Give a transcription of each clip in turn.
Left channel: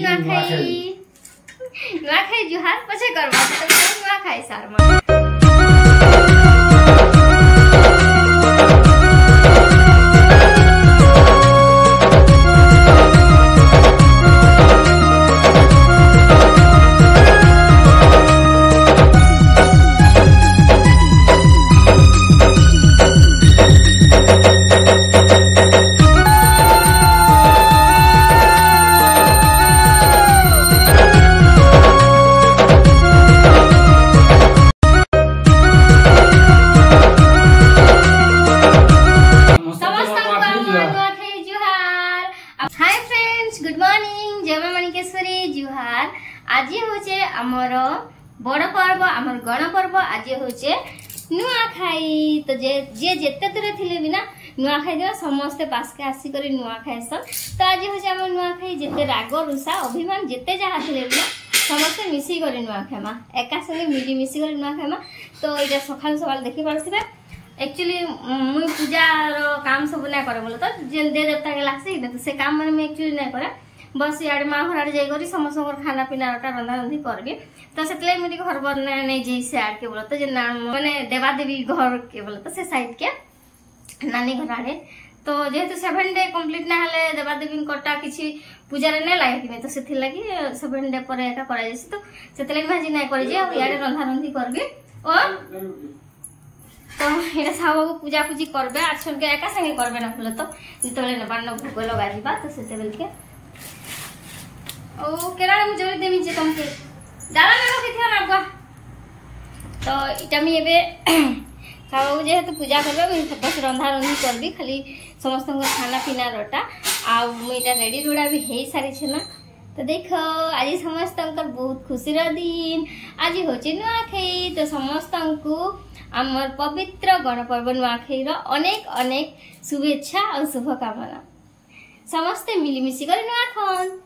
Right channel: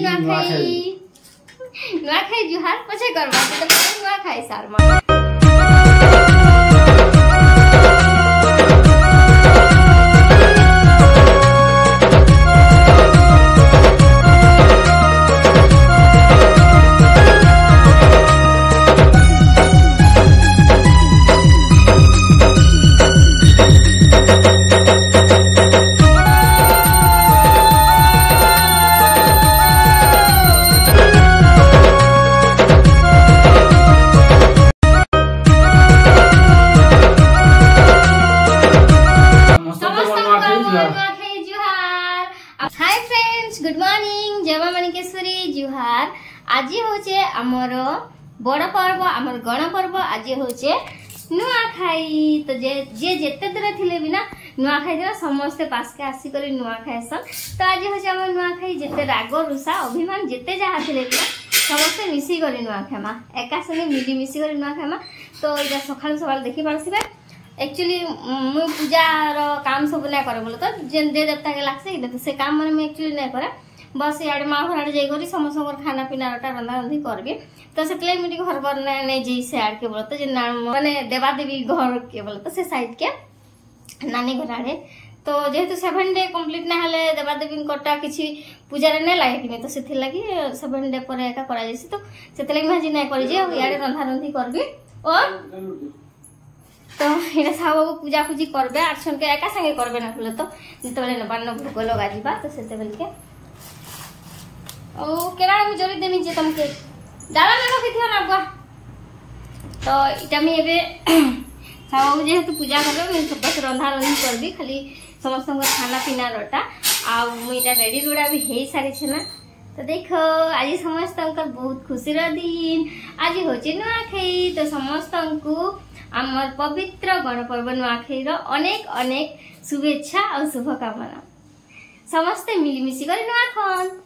नुआखाई जुहार पछे करबा त नुआखाई सारमा हाय फ्रेंड्स गुड मॉर्निंग जय मां मणिकेश्वरी जुहार। आज होचे हमर बड़ पर्व हमर गण पर्व आज होचे नुआखाई। तो जे जेते दूर थिले बिना नुआखाई दिन समस्ते पास के आसी करी नुआखाई सन। तो आज होचे हमर नुआखाई जेते राग रुषा अभिमान जेते जहा थिले बिना समस्ते मिसी करी नुआखाई मा एका संगे मिली मिसी करी नुआखाई मा। तो इटा सकाल सकाल देखि पारसिबे एक्चुअली मुझे पूजार काम सब ना करे बोले तो जे दे देवता के लागसे तो से काम माने मैं एक्चुअली ना करे बस यार माँ घर आड़े जाकर समस्त खाना पीना रंधा रंधी करबी। तो से मुझे घर बना नहीं जी से आड़ के बोले तो मैंने देवादेवी घर के बोले तो से साइड के नानी घर आड़े। तो जेहेतु 7 डे कंप्लीट ना हेले देवादेवी कटा किसी पूजा नहीं लगे कि तो से लगी 7 डे पर एका करा जायसी। तो से लगी मैं नहीं करी जे यार रंधा रंधी करबी और तो ये साहब को पूजा पूजी करबे आछन के एका संगे करबे ना बोले तो जितबेले नबान भोग लगा जिबा तो सेते बेल के ओ केरा मु जरी देमी जे तुमके डाला में रखि थियो ना बा। तो इटा मी एबे साहब जेहेतु पूजा करबे मी सब रंधा रंधी करबी खाली समस्त खाना पीना रटा आ मु इटा रेडी रुडा भी हेई सारी छे ना। तो देखो आज समस्त बहुत खुशी दिन आज होची नुआखाई। तो समस्त को आमर पवित्र गणपर्व नुआखाई अनेक अनेक शुभेच्छा और शुभकामना। समस्ते मिलीमिशी कर नुआ खन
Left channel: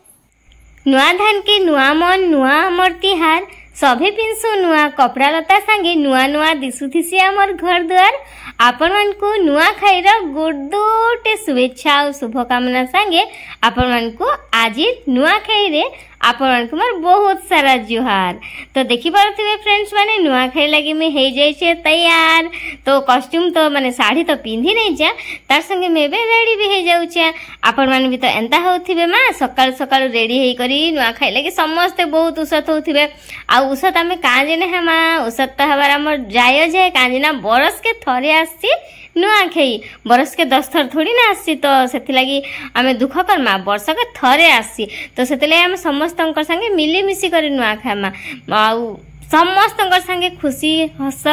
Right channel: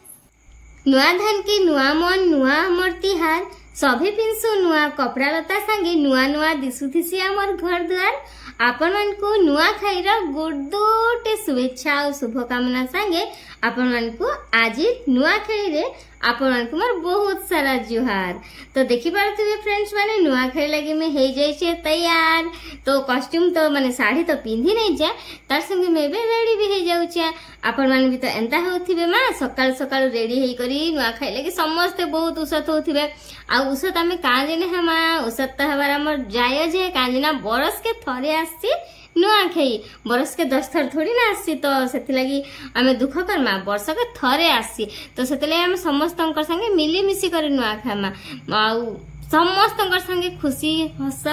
नुआ धान के नुआ मन नुआ आमर तिहार सभे पिंसु नुआ कपड़ा लता संगे नुआ नुआ दिशुथिसी आमर घर द्वार आपण मान को नुआखाई गुडे शुभेच्छा और शुभकामना संगे आपण मान को आज नुआखाई रे आपण मान को बहुत सारा जुहार। तो देखि पारथिबे फ्रेंड्स माने नुआखाई लगी में हे जाइछे तैयार। तो कॉस्ट्यूम तो माने साड़ी तो पिंधी नहीं जा तार संगे में बे रेडी भी हे जाउछे आपण मान भी तो एंता होथिबे मां सकाळ सकाळ रेडी हेई करी नुआखाई लगी समस्त बहुत उसत होथिबे आ उसत आमे काजे ने हमा उसत त हमार हमर जाय जे काजे ना बरस के थरे आसी नुआखाई बरस के 10 थर थोड़ी ना आसी। तो सेति लगी आमे दुख करमा वर्ष के थरे आसी तो सेति लगी हम समस्त संगे मिली मिसी कर नुआखाई मा आउ समस्त संगे खुशी हस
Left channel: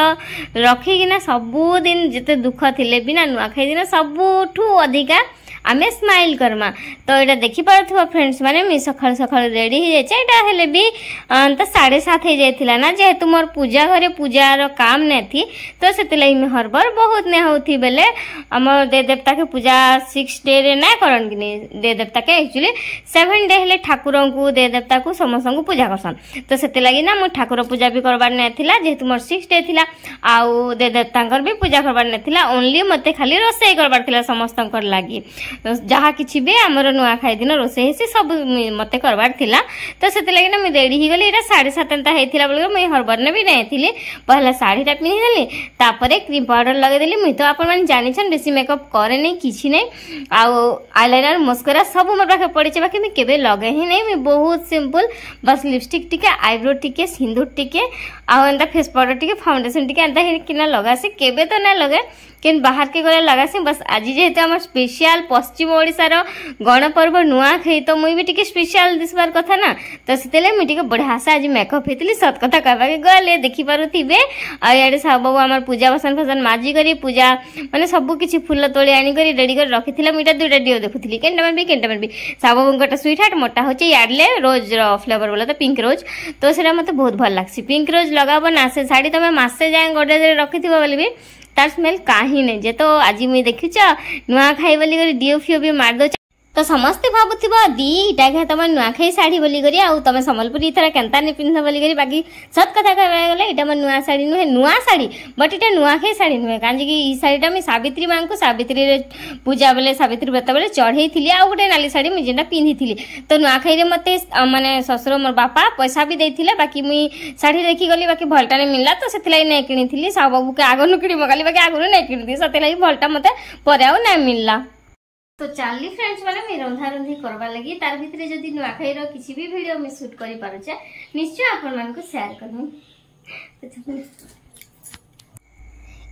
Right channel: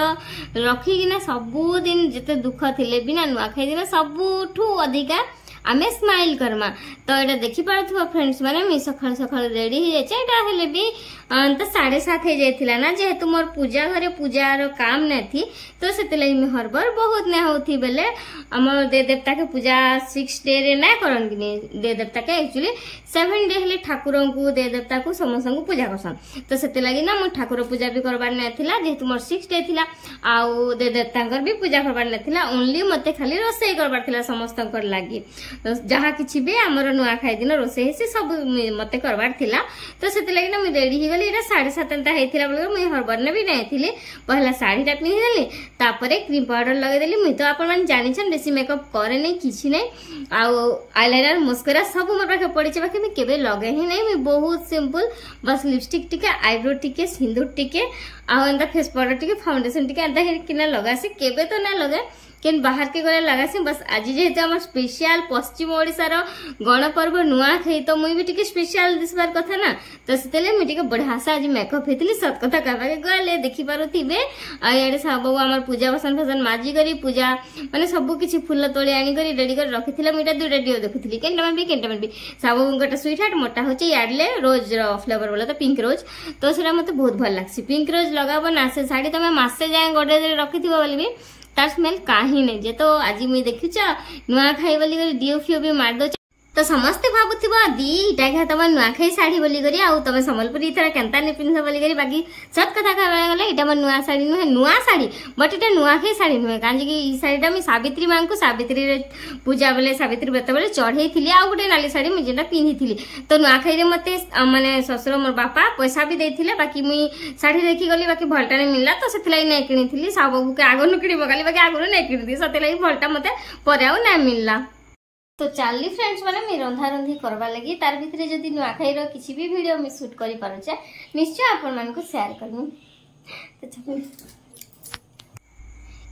रखिकिना सबु दिन जिते दुख थिले बिना नुआखाई दिन सबुठू अधिका आमे स्माइल करमा। तो ये देखि पारथुवा फ्रेंड्स माने मी सकाळ सकाळ रेडी हे जाय एटा हेले भी तो 7:30 हे जायतिला ना जेहेतु मोर पूजा घरे पूजार काम ने थी। तो सेते लई मी हरबर बहुत ने होथी बेले हमर दे देवता के पूजा 6 डे रे ना करन कि दे देवता के एक्चुअली 7 डे हेले ठाकुर को दे देवता को समस्त को पूजा करसन। तो सेते लगी ना मो ठाकुर पूजा भी करबार ने थिला जेहेतु मोर 6 डे थिला आउ दे देवतांकर भी पूजा करबार ने थिला ओनली मते खाली रोसई करबार थिला समस्तंकर लागि जहाँ किसी भी आमर नुआखाई दिन रोसे सब मते करवार थिला। तो से लगे ना मुझे रेडी ही गली 7:30 होता बोल मुझे हरबर ने भी नहीं थी पहला साड़ीटा पिंधिदेली तापर क्रीम पाउडर लगेदेली मुझे तो आपण जानी बेसी मेकअप करे नहीं किसी नहीं आईलाइनर मस्करा सब मोर पाखे पड़ी बाकी मुझे केबे लगे ही नहीं मुझे बहुत सिंपल बस लिपस्टिक टिके आईब्रो टिके सिंदूर टिके आंता फेस पाउडर टिके फाउंडेशन टिके एंता किना लगासी केबे तो ना लगे किन बाहर के गले लगासी बस आज जेहेतु आम स्पेशल पश्चिम ओडिशार गणपर्व नुआखाई तो मुई भी टिके स्पेशल दिसबार कथा ना। तो सेतेले मुई टिके बढ़िया से आज मेकअप हेतिली सत कथा कहबा के गले देखि पारुथिबे आ याडे सब बाबू आमर पूजा बसन फसन माजी करी पूजा माने सब किछि फूल तोड़ी आनी करी रेडी कर रखिथिला मुईटा दुटा डिओ देखुथिली केनटा भी सब बाबूंकटा स्वीट हार्ट मोटा होचे याडले रोज रो फ्लेवर बोला तो पिंक रोज। तो सेटा मते बहुत भल लागसी पिंक रोज लगाबो ना से साड़ी तमे मासे जाय गोडरेज रे रखिथिबो बोली भी तार स्मेल काही नहीं जे। तो आज मुई देखिछ नुआखाई बोली डिओ फिओ भी मार दो तो समस्ते भावुथिबा दीटा के तुम नुआखाई साड़ी बोली करी आ तुम सम्बलपुरी थोड़ा केनता नहीं पिंध बोली करी बाकी सत कथा कहबा गले इटा मोर नुआ साड़ी नुहे नुआ साड़ी बट इटा नुआखाई साड़ी नुहे कांजी कि ई साड़ीटा मैं सावित्री मां को सावित्री रे पूजा बेले सावित्री व्रत बेले चढ़ई थिली आ गोटे नाली साड़ी मुझे जेनटा पिंधि थिली तो नुआखाई रे मते माने ससुर मोर बापा पैसा भी देथिले बाकी मुई साड़ी देखि गली बाकी भलटा ने मिलला तो सेथिलाई नै किनी थिली साव बाबू के आगनु किनी मगाली बाकी आगनु नै किनी थी सेथिलाई भलटा मते परे आ नै मिलला। तो चली फ्रेंड्स मैंने मैं रंधा रंधी करवा लगी तार भितर जदि नुआखाई किसी भी वीडियो में शूट कर पारुचे निश्चय आपण मान को शेयर करमु। तो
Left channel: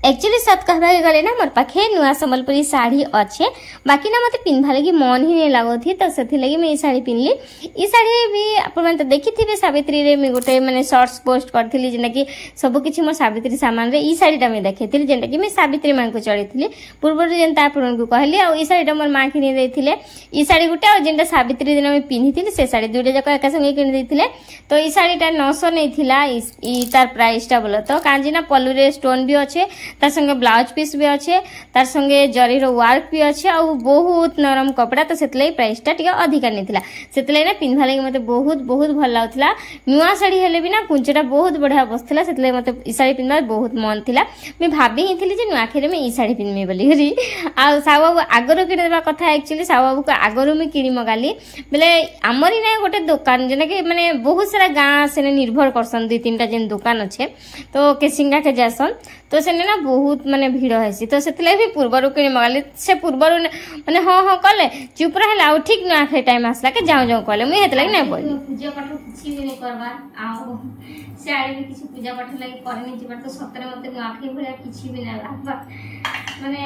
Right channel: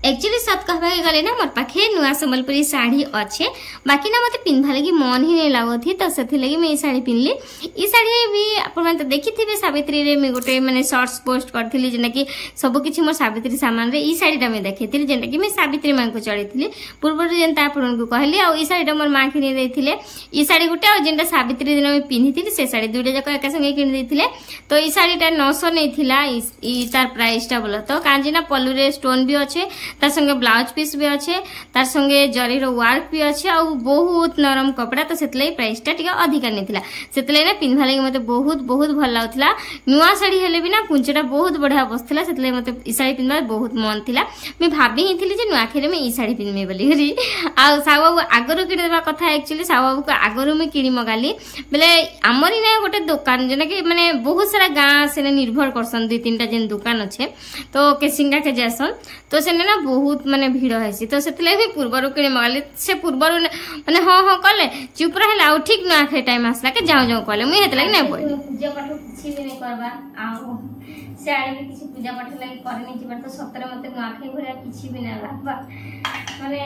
एक्चुअली सत कहबा गले ना मोर पाखे नुआ संबलपुरी साड़ी अच्छे बाकी ना मते पिंधा लगी मन ही नहीं लागो थी तो सेथि लगी मैं ई साड़ी पिनली। ई साड़ी भी आपण मन तो देखि थिबे सावित्री रे मैं गोटे माने शॉर्ट्स पोस्ट करथिली जेना कि सब किछि मोर सावित्री सामान रे ई साड़ीटा मैं देखैथिली जेना कि मैं सावित्री मां को चढ़ीथिली पूर्व जेनता आपण को कहली आ ई साड़ीटा मोर मां किनि देथिले ई साड़ी गोटे आ जेनटा सावित्री दिन मैं पिनहिथिली से साड़ी दुइटा जक एका संगे किनि देथिले तो ई साड़ीटा 900 नै थिला ई तार प्राइसटा बोल तो कांजी ना पल्लू रे स्टोन भी अच्छे तार संगे ब्लाउज पीस भी अच्छे तार संगे जरी रो वर्क भी अच्छे आ बहुत नरम कपड़ा तो सेतले प्राइस टा टिके अधिका नथिला सेतले ना पिनभा लागि मते बहुत बहुत भल लागुथला नुआ साड़ी हेले भी ना कुंचटा बहुत बढ़िया बसथला सेतले मते ई साड़ी पिनबा बहुत मन थिला मैं भाबी ही थिली जे नुआ खेरे में ई साड़ी पिनमे बोली हरी आ साबाबू आगरो किने देबा कथा एक्चुअली साबाबू को आगरो में किनी मगाली बेले हमरी ना गोटे दुकान जेना कि माने बहुत सारा गां से निर्भर करसन दुई तीनटा जेन दुकान अच्छे तो केसिंगा के जासन तो सेने ना बहुत माने भीड़ हैसी तो सेतले भी पूर्वरु किनी मगाली से पूर्वरु माने हां कले चुप रहला आ ठीक ना खे टाइम आसला के जाऊ जाऊ कले मुई हेतला नै बोली पूजा पाठ किछि भी नै करबा आ साड़ी भी किछि पूजा पाठ लागि करे नै जिबार तो सतरे मते नाखै भरिया किछि भी नै लागबा माने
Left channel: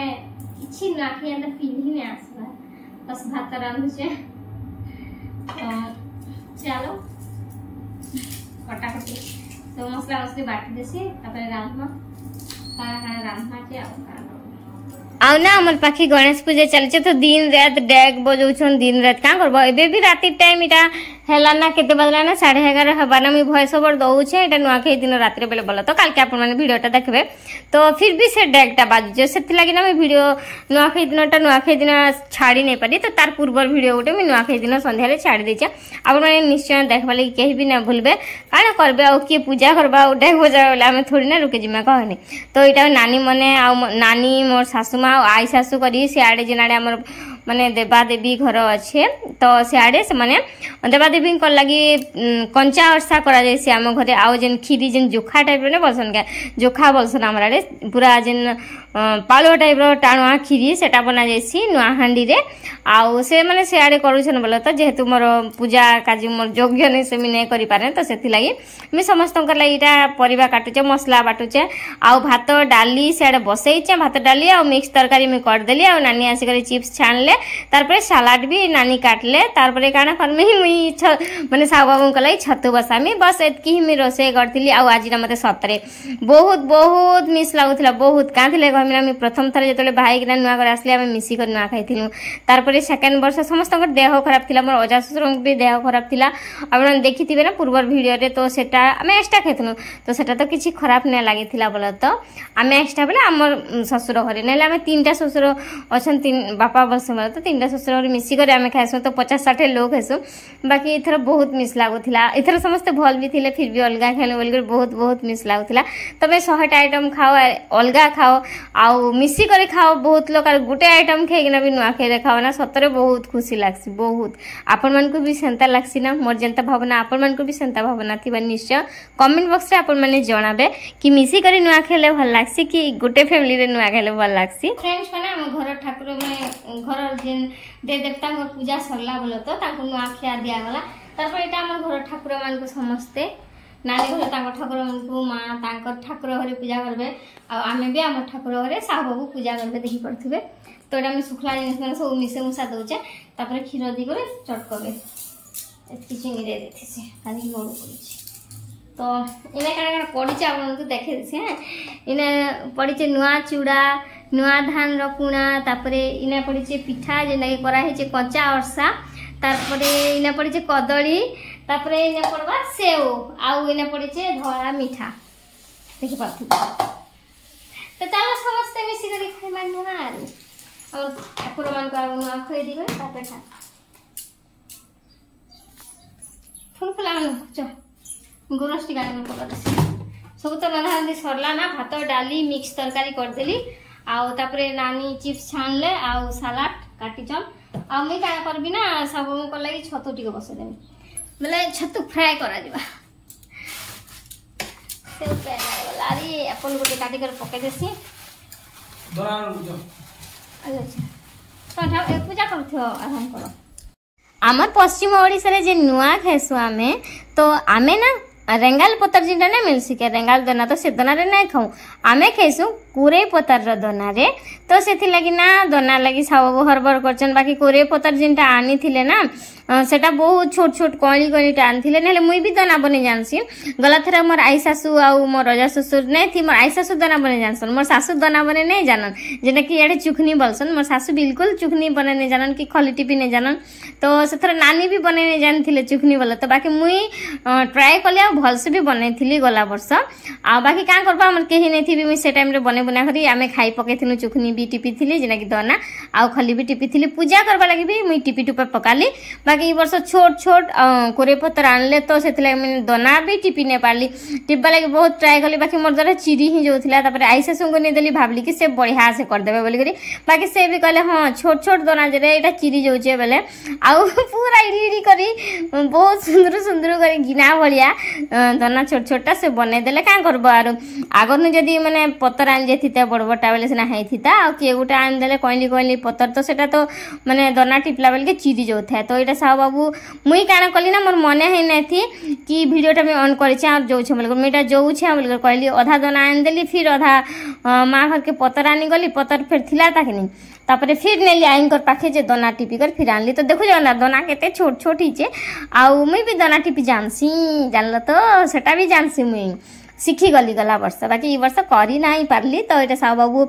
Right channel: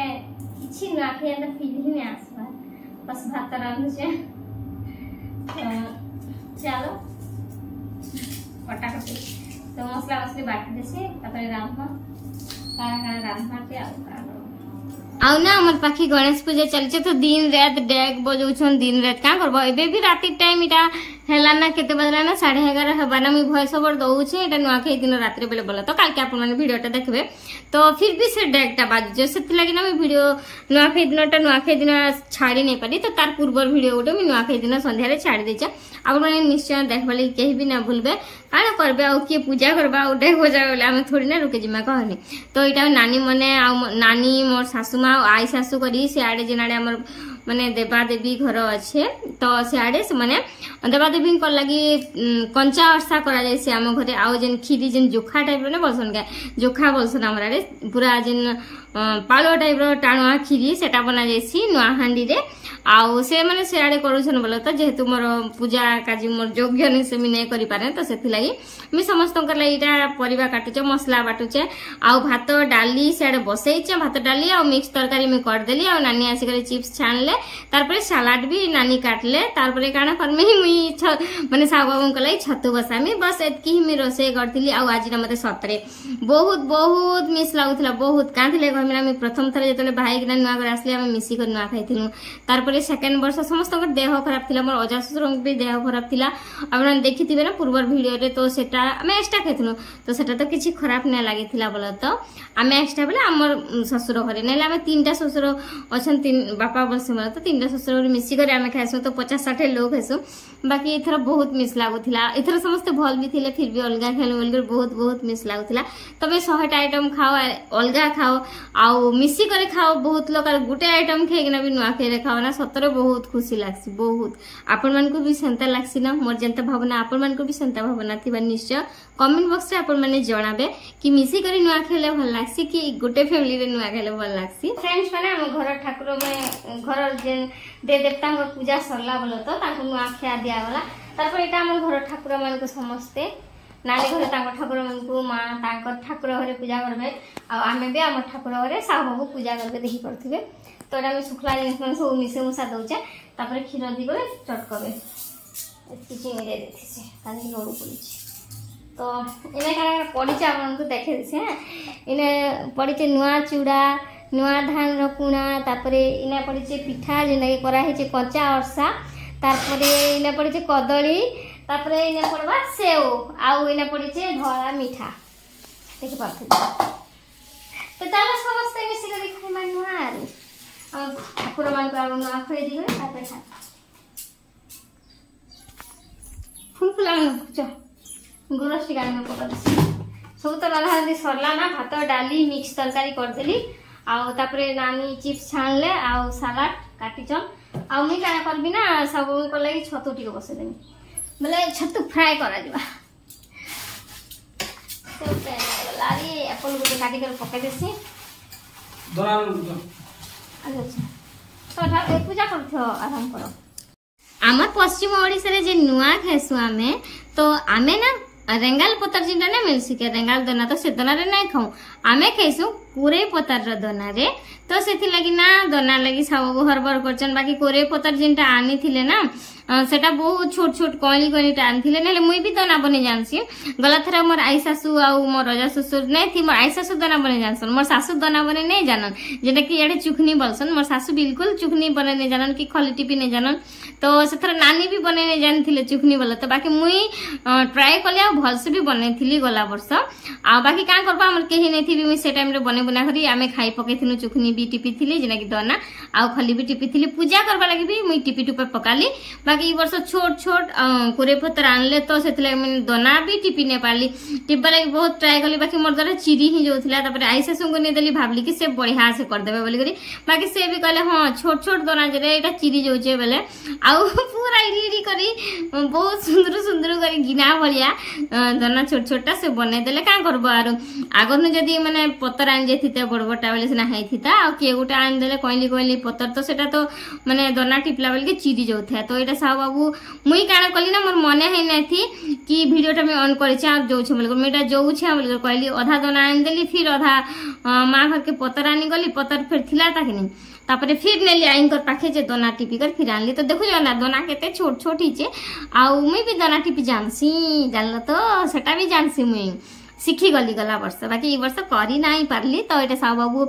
किछि नाखै अंदर पिन्ही नै आसबा बस भात रांधु छे तो चलो कटाकटी तो मसला मसली बाटी देसी तापर रांधमा काना रांधमा के आउ ना हमर पाखी गणेश पूजा चलছে तो दिन रात डेग बजौछन दिन रात का करबो एबे भी राती टाइम इटा हेला ना केते बदला ना 11:30 हबा ना मी वॉइस ओवर दउछे एटा नुआखाई दिन रात रे बेले बोला तो काल के आपण माने वीडियोटा देखबे तो फिर भी से डेगटा बाजू सेति लागि ना मैं वीडियो नुआखाई दिन छाड़ी नै पारी तो तार पूर्व वीडियो उठे मैं नुआखाई दिन संध्या रे छाड़ी देछे आपण माने निश्चय देखबा लागि केही भी ना भूलबे काना करबे आ के पूजा करबा आ डेग बजावला हमें थोड़ी ना रुके जिमा कहनी तो इटा नानी मने आ नानी मोर सासु मां आई सासु करी से आडे जेनाडे हमर माने देवा देवी घर अच्छे तो सियाड़े से माने देवा देवी को लगी कंचा अर्सा करा जैसे आम घरे आउ जेन खीरी जेन जोखा टाइप रे बोलसन के जोखा बोलसन हमरा रे पूरा जेन पालो टाइप रो टाणुआ खीरी सेटा बना जैसी नुआ हांडी रे आउ से माने सियाड़े करूछन बोल तो जेहेतु मोर पूजा काजी मोर योग्य नै से मी नै करि पारे तो सेथि लागि मी समस्त कर लागि इटा परिबा काटुचे मसला बाटुचे आउ भात डाली सियाड़े बसैचे भात डाली आउ मिक्स तरकारी मी कर देली आउ नानी आसी करे चिप्स छानले तारपरे सलाड भी नानी काटले तारपरे काना फरमे ही मुई माने साव बाबू को लाई छतु बसामी बस एतकी ही मी रोसे करथिली आ आज ना मते सतरे बहुत बहुत मिस लागुथला बहुत काथिले कहमिना मी प्रथम थरे जतले भाई किना नुआ घर आसले हम मिसी कर नुआ खाइथिलु तारपरे सेकंड वर्ष समस्त को देह खराब थिला मोर अजा ससुर भी देह खराब थिला आपण देखिथिबे ना पूर्व वीडियो रे तो सेटा हमें एक्स्ट्रा खाइथनु तो सेटा तो किछि खराब नै लागिथिला बोल तो हमें एक्स्ट्रा बेले हमर ससुर घरे नेला हमें तीनटा ससुर अछन तीन बापा बस तो तीनटा ससुर मिसी कर आमे खाइसु तो 50-60 लोग खाइसु बाकी इथर बहुत मिस लागुथिला इथर समस्त भल भी थिले फिर भी अलगा खेल बोल बहुत बहुत मिस लागुथिला तबे 100 आइटम खाओ अलगा खाओ आउ मिसी करे खाओ बहुत लोग गुटे आइटम खाइना भी नुआ खाइले खाओ ना सतरे बहुत खुशी लागसी बहुत आपण मन को भी सेंता लागसी ना मोर जनता भावना आपण मन को भी सेंता भावना थिबा निश्चय कमेंट बॉक्स रे आपण माने जणाबे कि मिसी करे नुआ खाइले भल लागसी कि गुटे फैमिली रे नुआ खाइले भल लागसी फ्रेंड्स माने हम घर ठाकुर में घर जेन दे देवता पूजा सरला बोल तो तांको नुआ खिया दिया गला तारपर एटा हमर घर ठाकुर मान को समस्ते नानी घर तांको ठाकुर मान को मां तांको ठाकुर घरे पूजा करबे आ आमे भी हमर ठाकुर घरे साहब पूजा करके देखि करथिबे तो एटा में सुखला जिनिस माने सब मिसे मुसा दउचे तापर खीर दी करे चट करबे एतकी चिनी दे देथिसे तानी लोड करिछि तो इने का पड़ी चावल को देखे देसे इने पड़ी नुआ चूड़ा नुआ धान रकुणा तापरे इना पड़ी पिठा जेना करा है कंचा अर्सा तापरे इना पड़ी कदली तापरे इना पड़वा सेव आउ इना पड़ी धला मीठा देखि पाथु तो चलो समस्त मिसी कर खाइमा नुआ आरो और ठाकुर मान को नुआ खोई दी गई तापर गोरस टी गानी पका देसी सब तो रंधा रंधी सरला ना भात डाली मिक्स तरकारी करदेली आउ तापरे नानी चिप्स छाणले आउ सलाड काटिचन आ मुई काना करबी ना सब को लागि छतु टिके बसेदेमी बोले छतु फ्राई करा दिबा से ओके लारी एप्पल गोटे काटी कर पके देसी अच्छा पूजा करथो आराम करो आमर पश्चिम ओडिसा रे जे नुआ खेसु आमे तो आमे ना रेंगाल पतर जिंदा ना मिलसी के रेंगाल दना तो से दना रे नहीं खाऊ आमे खेसु कुरे पतर रो दना रे तो सेथि लगी ना दना लगी सब हरबर करचन बाकी कुरे पतर जिंटा आनी थिले ना सेटा बहुत छोट छोट कळी कळी टान थिले नेले मुई भी दना बने जानसी गला थरा मोर आई सासू आ मोर रजा ससुर नै थी मोर आई सासू दना बने जानसन मोर सासू दना बने नै जानन जेटा कि एडे चुखनी बोलसन मोर सासू बिल्कुल चुखनी बने नै जानन कि खली टिपी नै जानन तो सेथरा नानी भी बने नै जान थिले चुखनी बोला तो बाकी मुई ट्राई कलिया भल से भी बने थिली गला वर्ष आ बाकी का करबा हमर केही नै थी मुई से टाइम रे बने बुना करी आमे खाई पके थिनु चुखनी भी टिपी थिली जेना कि दना आ खली भी टिपी थिली पूजा करबा लागि भी मुई टिपी टुपा पकाली बाकी वर्ष छोट छोट कोरे पत्थर आनले तो से मैंने दना भी टिपी नहीं पार्ली टिपा लगी बहुत ट्राए कली बाकी मोर द्वारा चिरी ही जो थिला तापर आई सासू को नहीं देली भाबली कि से बढ़िया से कर देबे बोली करी बाकी से भी कहले हां छोट छोट दना जे एटा चिरी जोचे बेले आउ पूरा इडी करी बहुत सुंदर सुंदर करी गिना भलिया दना छोट छोटा से बने देले का करबो आरो आगर न जदी माने पत्थर आन जेथिता बड़ बड़टा बेले सेना हेथिता आ के गुटा आन देले कोइली कोइली पत्थर तो सेटा तो माने दना टिपला बेले के चिरी जो था तो एटा साहब बाबू मुई काना कली ना मोर मने है नै थी कि वीडियोटा में ऑन करै छ जो छ बोल मेटा जो छ बोल कहली आधा दना आन देली फिर आधा मां घर के पत्थर आनी गली पत्थर फिर थिला ताकनी तापरे फिर नेली आइन कर पाखे जे दना टिपी कर फिर आनली तो देखो जाना दना केते छोट छोट ही छे आ मुई भी दना टिपी जानसी जानल तो सेटा भी जानसी मुई शिखी गली गला वर्ष बाकी ई वर्ष करी नाही पारली तो एटा साहब बाबू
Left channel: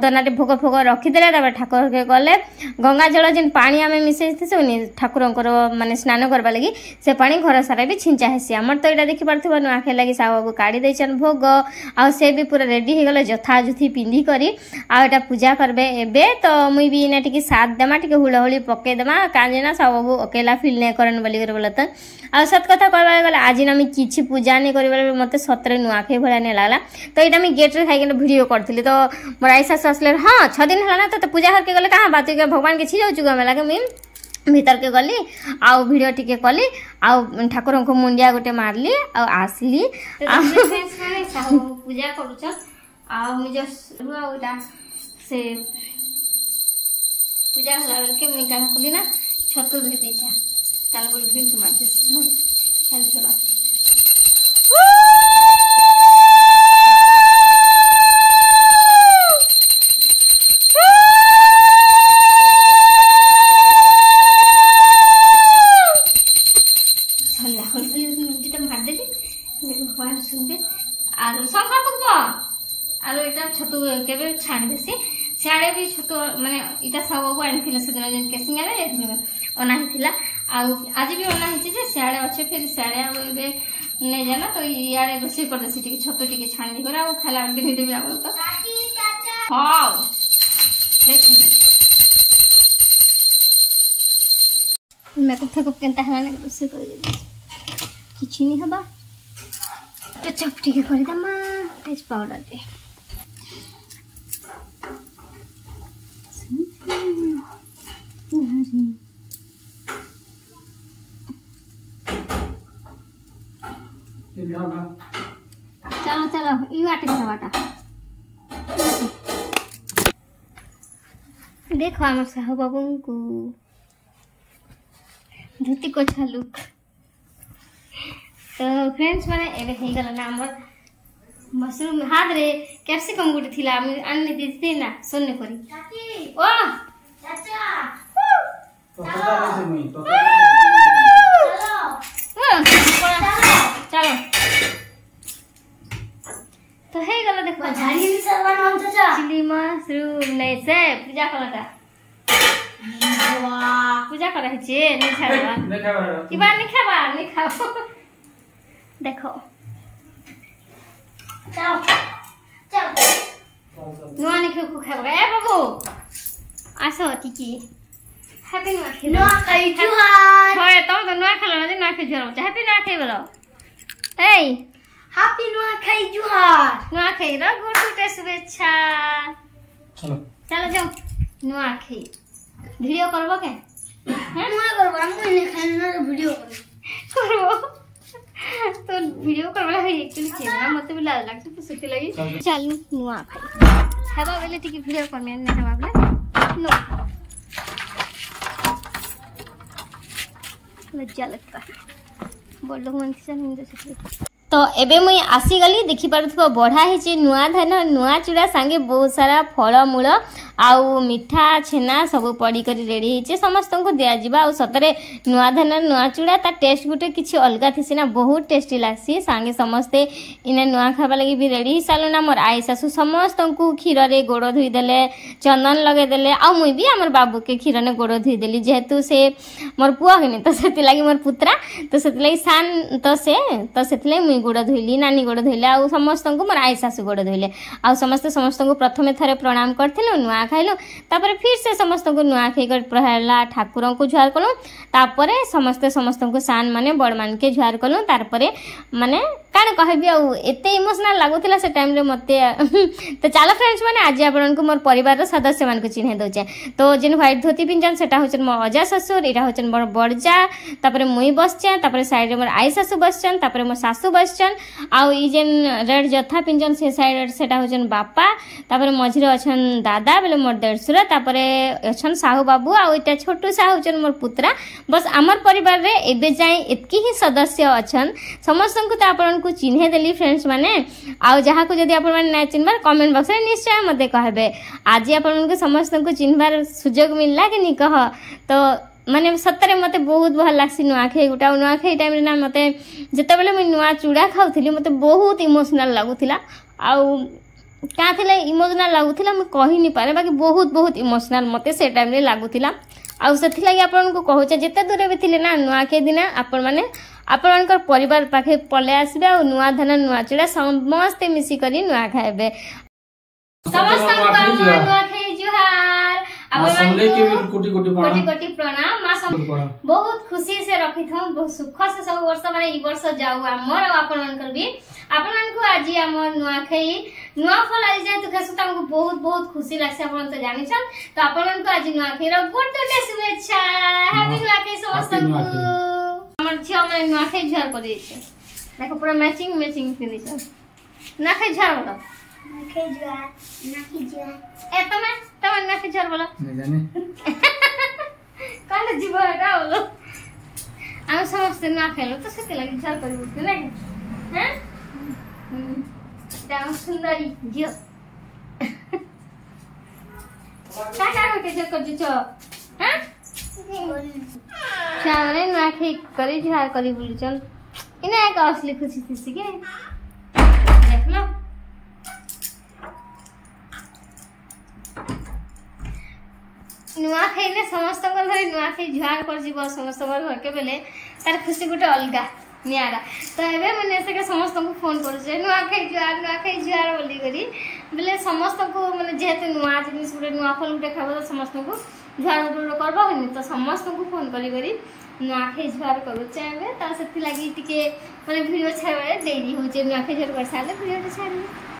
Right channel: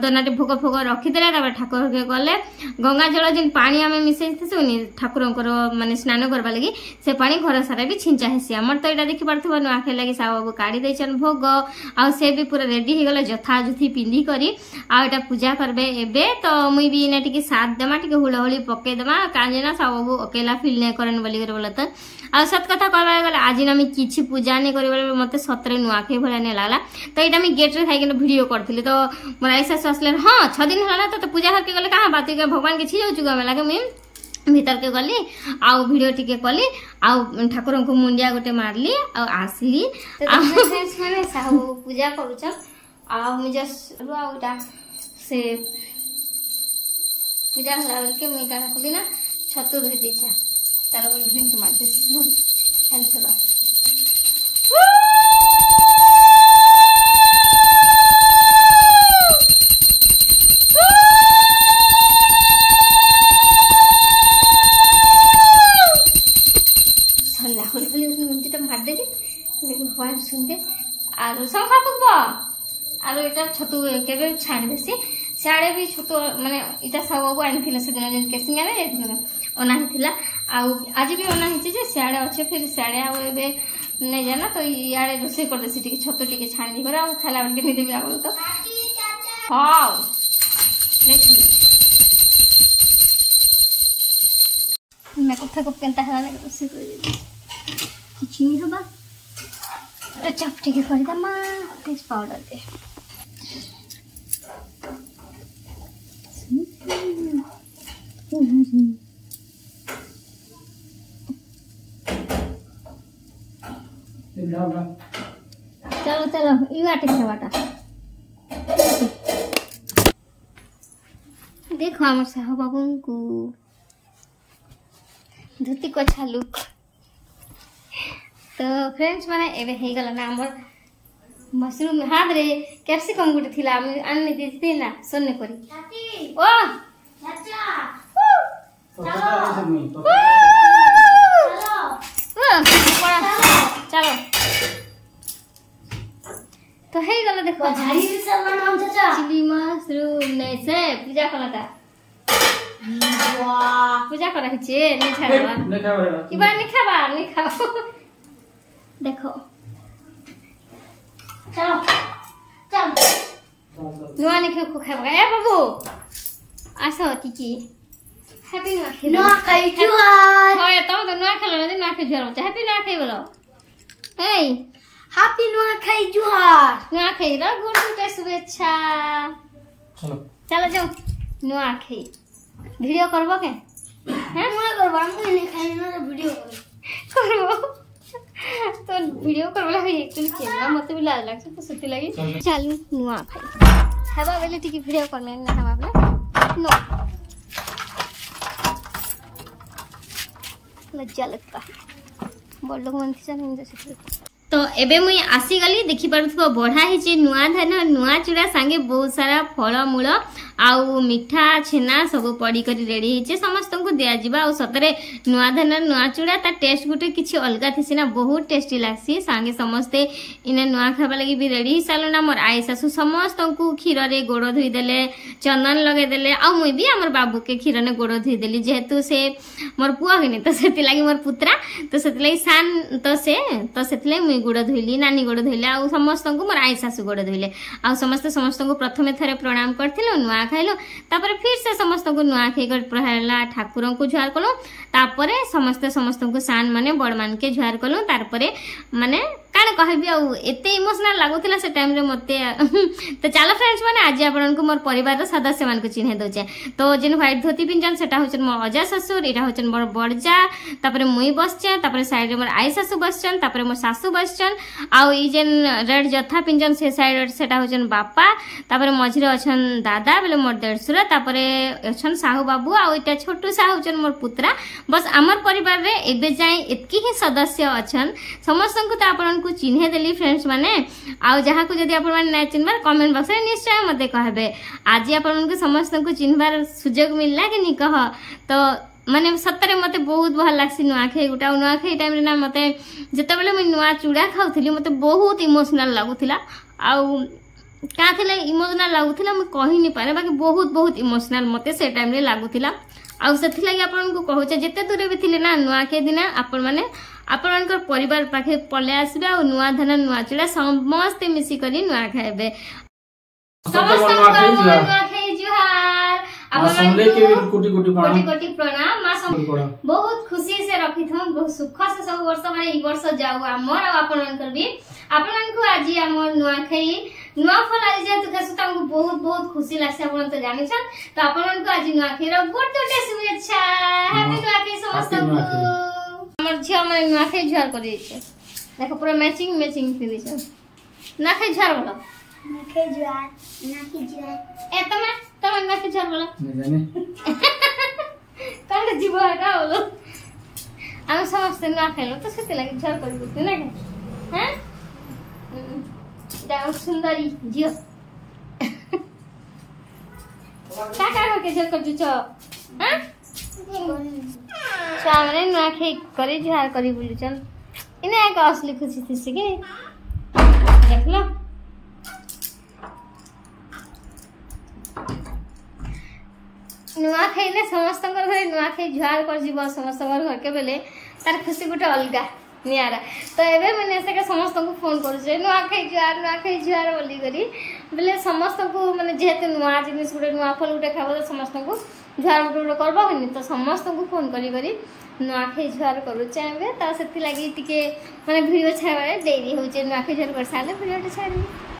दना रे भोग भोग रखी देला तापर ठाकुर के गले गंगा जल जिन पानी आमे मिसै थिसुनी ठाकुरंकर माने स्नान करबा लागि से पानी घर सारा भी छिंचा हेसी हमर तो एटा देखि परथबो न आखे लागि साहब बाबू काढी दैछन भोग आ से भी पूरा रेडी हे गले जथा जुथी पिंदी करी आ एटा पूजा करबे एबे तो मुई भी इना टिके साथ देमा टिके हुळहुळी पके देमा काजे ना साहब बाबू अकेला फील नै करन बोली कर बोलत आ सत कथा कहबा गले आज ना मी किछि पूजा नै करबा मते सतरे नुआखे भला नहीं लागला तो इटा मैं गेट रे खाई के वीडियो करथिली तो मोर आई सासु असले हां 6 दिन हला ना तो पूजा करके गले कहां बात के भगवान के छी जाउ चुगा में लागे मैं भीतर के गली आउ वीडियो टिके कली आउ ठाकुर को मुंडिया गोटे मारली आ आसली आ फ्रेंड्स माने साहू पूजा करूछन आ मु जस्ट रुआउटा से पूजा हला के मैं काना कली ना छतु धरि दिछा तारा बोल भी मार दे हेल्प होला भगवान सुनते आरो संखा कुबो आरो एटा छतु केबे छाड़ देसी साडे भी छतु माने इटा सब बो आइन थिले से दिन जन केसिंगा रे ओना हिथिला आ आज भी ओना हिची जे साडे अच्छे फिर साडे आ एबे नै जाना तो याडे रोसे कर देसी टिके छतु टिके छाड़ दी करा आ खाला के नि देबी आ तो हां देख मैं कथा को केनता हला ने रोसे कर दे किछि नि हबा तो चपटी के कर दमा टेस्ट पाउडर दे चलो चलो ई वाटे से वाटा देखो हमर साहू बाबू को धोती को छालुक तो फ्रेंड्स माने एबे हे गला ना हमर मशरूम हाथ रे कैप्सिकम गुटे थिला आनने देते ना सोने करी ओ चाचा चलो तो हे गला देखो झाड़ी भी सरवा नाम चाचा चिली मशरूम नै से पूजा कलता वाह पूजा करा छे नै छाड़वा ई बार नै खाओ देखो चलो चल नुआ ने को खाबा ए बाबू आसो टिकी हैप्पी नुआ खाई जुहार होय तो नुआ खाला न नुआखाई जुहार बोलते हैप्पी नुआखाई बोलो ए हैप्पी नुआखाई जुहार नुआखाई रो गुड टुडे शुभेच्छा चलो चलो जाओ नुआखाई वीडियो करबो के हैं मैं करबो हम ने खाना वीडियो करबो तो वीडियो करबला है एक्चुअली कैमरा मते भी लाज लागछ तो सुती लगी चल नुआखाई हेबा बेले टिकी वीडियो करमे ने हम आपने नो लज्जा लगता है बड़ लोग मन से नहीं जैसे तो एबे मुई आसी गली देखि पारथबो बढ़ा हे नुआ धान नुआ चूड़ा संगे बहुत सारा फल मूल आउ मिठा छेना सब पड़ी करी रेडी हे समस्त को दिया जिबा आ सतरे नुआ धान नुआ चूड़ा ता टेस्ट गुटे किछि अलगा थिसी ना बहुत टेस्टी लागसी संगे समस्ते इने नुआ खाबा लगी भी रेडी ही सालो ना मोर आई सासु समस्त को खीर रे गोड़ धोई देले चंदन लगे देले आ मुई भी हमर बाबू के खीर ने गोड़ धोई देली जेहेतु से मोर पुआ हेने तो सेति लागि मोर पुत्रा तो सेति लागि सान तो सेति लागि मुई गोड़ धोइली नानी गोड़ धोइले आ समस्त को मोर आई सासु गोड़ धोइले आ समस्त को प्रथमे थरे प्रणाम करथिलो नुआ खाइलो तापर फिर से समस्त को नुआ खाई कर प्रहला ठाकुर को जुहार कलो तापर समस्त को सान माने बड़ मान के जुहार कलो तारपरे माने काने कहबी आ एते इमोशनल लागुतिला से टाइम रे मते तो चलो फ्रेंड्स माने आज आपन को मोर परिवार रो सदस्य मान को चिन्हे दोचे तो जिन व्हाइट धोती पिंजन सेटा होचन मोर अजा ससुर एटा होचन मोर बड़जा तापर मुई बसचे तापर साइड रे मोर आई सासु बसचन तापर मोर सासु बसचन आ ई जेन रेड जथा पिंजन से साइड सेटा होचन बापा तापर मझिरे अछन दादा बेले मोर देड़सुरा तापर अछन साहू बाबू आ एटा छोटू साहू होचन मोर पुत्रा बस हमर परिवार रे एबे जाय एतकी ही सदस्य अछन समस्त को त आपन को चिन्हे देली फ्रेंड्स माने आ जहा को जदी आपन माने ना चिन्हबार कमेंट बॉक्स रे निश्चय मते कहबे आज आपन को समस्त को चिन्हबार सुजोग मिलला कि नि कह तो माने सत्तरे मते बहुत भल लागसी नुआखाई गुटा नुआखाई टाइम रे ना मते जते बेले मैं नुआ चूड़ा खाउथिली मते बहुत इमोशनल लागुथिला आ का थिला इमोशनल लागुथिला मैं कहि नि पारे बाकी बहुत इमोशनल मते से टाइम रे लागुथिला आ सेथि लागि आपन को कहूचे जते दूर भी थिले ना नुआखाई दिन आपन माने आपनकर परिवार पाखे पले आसबे आ नुआ धान नुआ चूड़ा समस्त मिसी करी नुआ खाइबे समस्त नुआखाई जुहार आपन कोटि प्रणाम मां बहुत खुशी से रखी थम बहुत सुख से सब वर्ष माने ई वर्ष जाऊ हमर आपनकर भी आपन को आज हमर नुआखाई नुआ फल आज जे तो खसु तमको बहुत खुशी लागसे आपन तो जानि छन तो आपन को आज नुआखाई रो गुड टुडे शुभेच्छा हैप्पी नुआखाई समस्त को हमर झिया माने नुआखाई जुहार करि छै देखो पूरा मैचिंग पिनि छै नुआखाई जुहार बोलो नुआखाई जुहार ए तमे नुआखाई जुहार बोलो नहीं जाने कांड जीव एटा बोलो हम समस्त नुआखाई लो तो सेते लागि जुहार करिबो तू ना हैं डाउ सुंदरी झियो का के जुहार कर छ हैं चावरे नुआखाई करी जुहार करी बुलिचन इने एक असली खुशी थी के देख लो नुआखाई ने समस्त घर नुआखाई जुहार कर जीव समस्त घर के बेले तार खुशी गोटे अलगा नियारा तो एबे मैंने से समस्त को फोन कर नुआखाई जुहार बोली करी बेले समस्त को माने जेहेतु नुआ जिनिस गोटे नुआ फल गोटे खाब तो समस्त को जुहार गोटे करबो तो समस्त को फोन करी नुआखाई जुहार करूचे एबे ता सेति लागि टिके माने वीडियो छाड़े देरी होचे नुआखाई जुहार कर साले वीडियो छाड़ी